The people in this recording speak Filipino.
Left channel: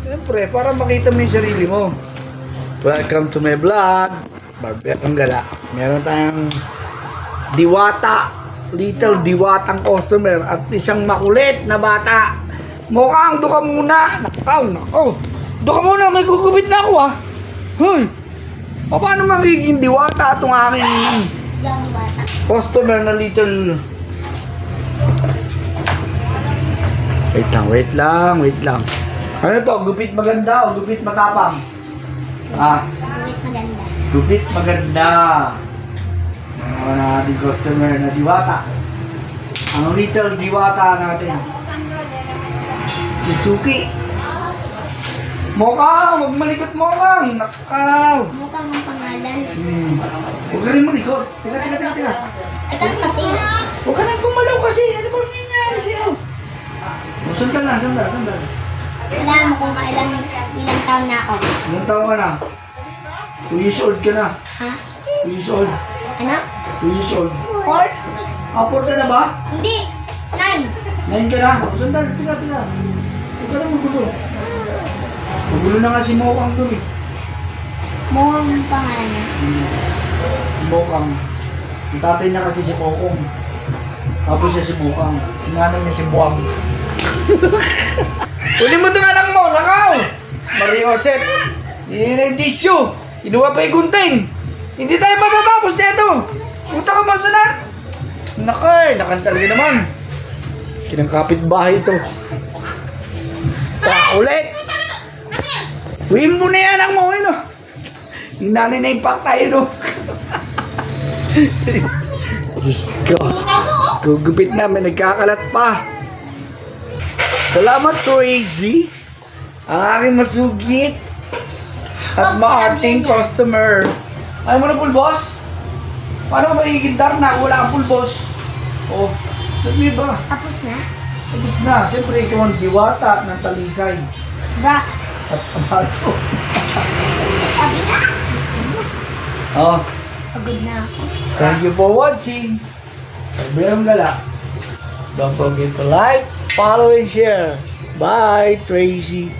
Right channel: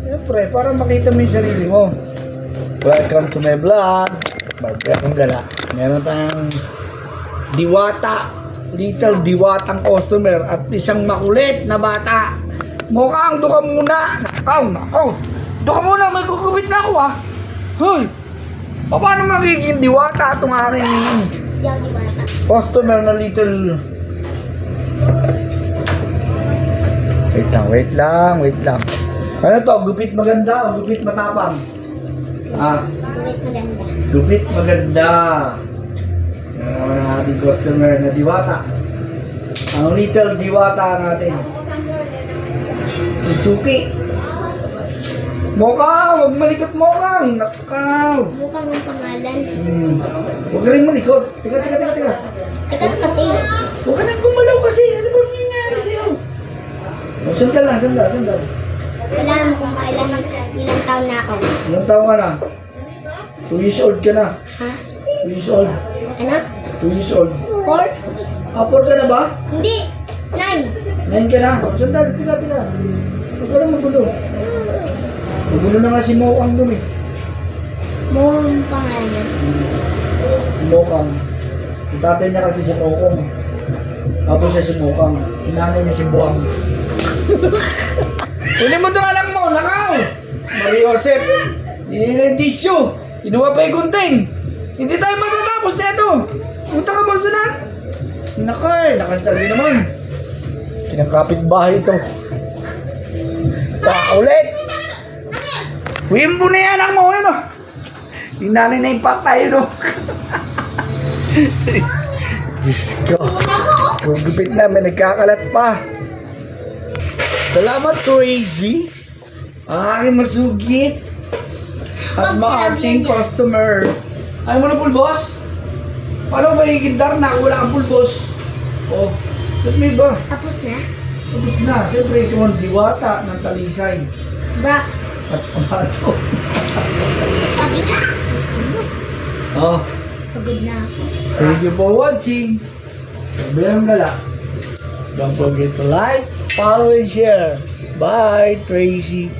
Siyempre, para makita mo yung sarili mo. Welcome to my vlog. Barberong Gala. Meron tayong diwata. Little diwatang customer at isang makulit na bata. Mukhang doon ka muna. Nakaw. Doon ka muna, may kukubit na ako ah. Hoy! Paano magiging diwata itong aking customer na little... Wait lang. Ano to? Gupit maganda o gupit matapang? Gupit maganda. Gupit maganda. Ang ating customer na diwata. Ang little diwata natin. Si Suki. Mokang! Huwag malikot Mokang! Nakaw! Mukhang ang pangalan. Huwag ka rin malikot. Teka. Ito kasi. Huwag ka rin gumalaw kasi. Ano ba nangyayari sa'yo? Sandal lang. Wala mo kung ilang taon na ako. Ilang taon ka na? 2 years old ka na. Ha? 2 years old. Ano? 2 years old. 4? 4 ka na ba? Hindi. 9. 9 ka na? Sandal, tila. Huwag ka na magulo. Magulo na nga si Mokang doon eh. Mukhang ang pangalan. Mokang. Yung tatay niya kasi si Mokong. Tapos siya si Mokang. Yung nanay niya si Buwang. Uli mo itong anak mo, nakaw! Maria Josep, inedisyo. Inuwa pa yung gunting. Hindi tayo matatapos dito. Punta ka ba saan? Nakay, talaga naman. Kinakapit bahay ito. Ulit. Uwin mo na yung anak mo, no? Yung nanay na impact tayo, no? Diyos ko. Gugupit na, may nagkakalat pa. Salamat, Crazy. Ang aking masugit at maating customer. Ayaw mo na pulbos? Paano magiging darna kung wala kang pulbos? Oh, sabi ba? Tapos na? Tapos na. Siyempre, ikaw ang diwata ng talisay. Bra. At amato. Sabi na? Oh, Pagod na ako. thank you for watching. Barberong Gala. Don't forget to like, follow, and share. Bye, Tracy.